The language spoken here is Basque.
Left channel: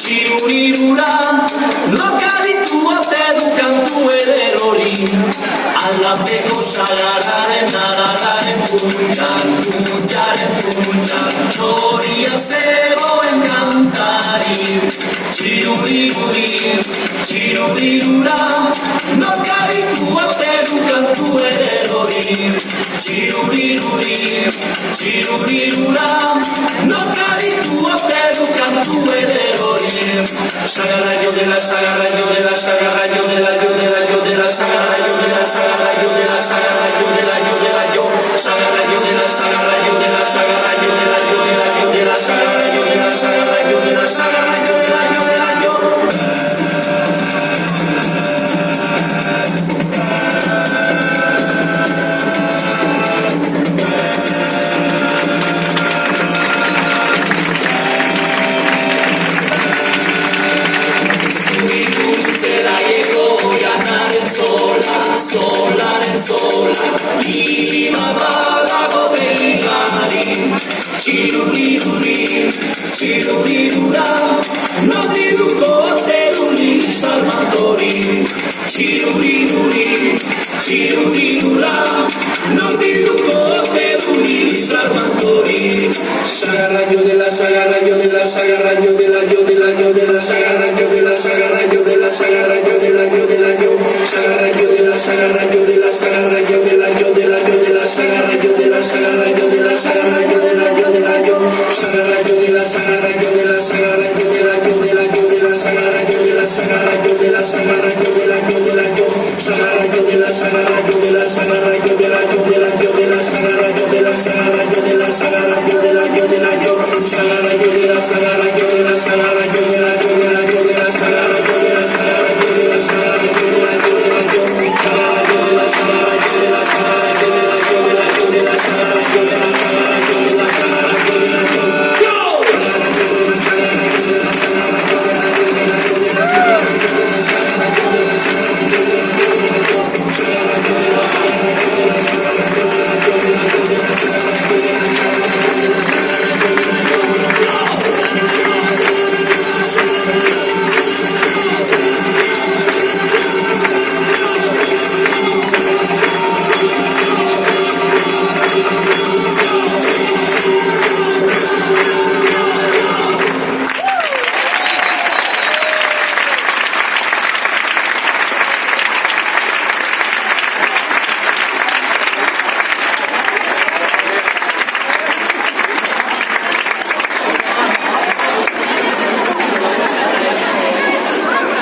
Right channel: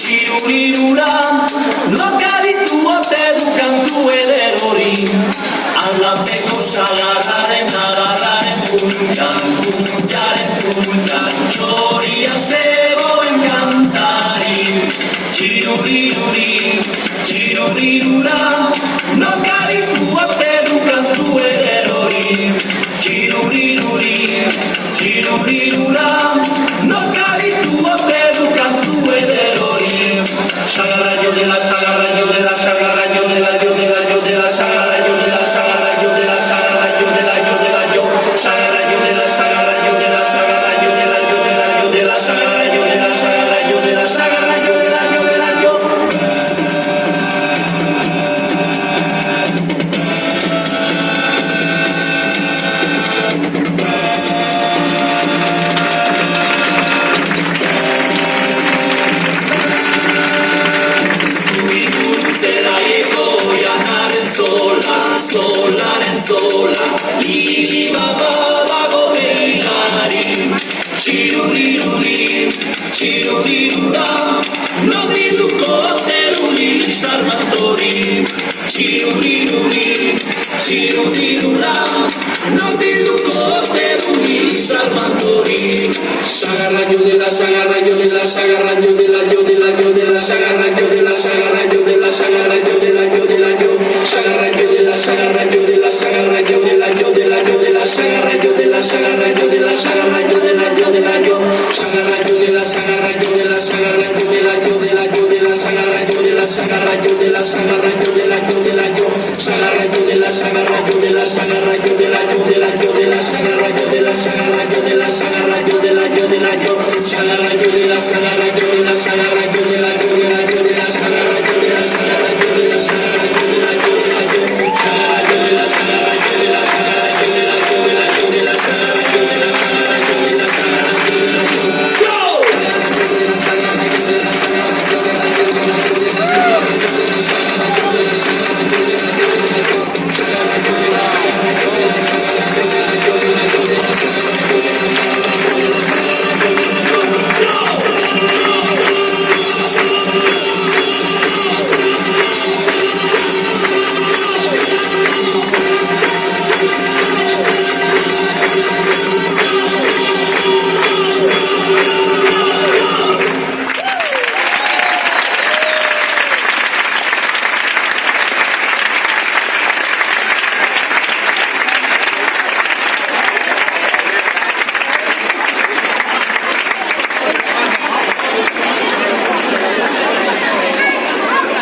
txirurirura, lokaditu ote du kantu eder hori, aldapeko sagarraren adarraren puntan, puntaren puntan, txoria zegoen kantari, txiruriruri, txirurirura, lokaditu ote du kantu eder hori, txiruriruri, txirurirura, lokaditu ote du kantu eder hori, sagarra de la sagarra de la sagarra de la de la de la sagarra de la sagarra de la sagarra de la de la yo sagarra de la sagarra de la sagarra de la de la sagarra de la sagarra de la sagarra de la yo solaren sola, libata dago beginari, txiruriruri, txirurirura, nobilduko teruri salmatori, txiruriruri, txirurirura, nobilduko teruri salmatori, sagarra yo de la sagarra yo de la sagarra yo de la yo de la yo de la sagarra yo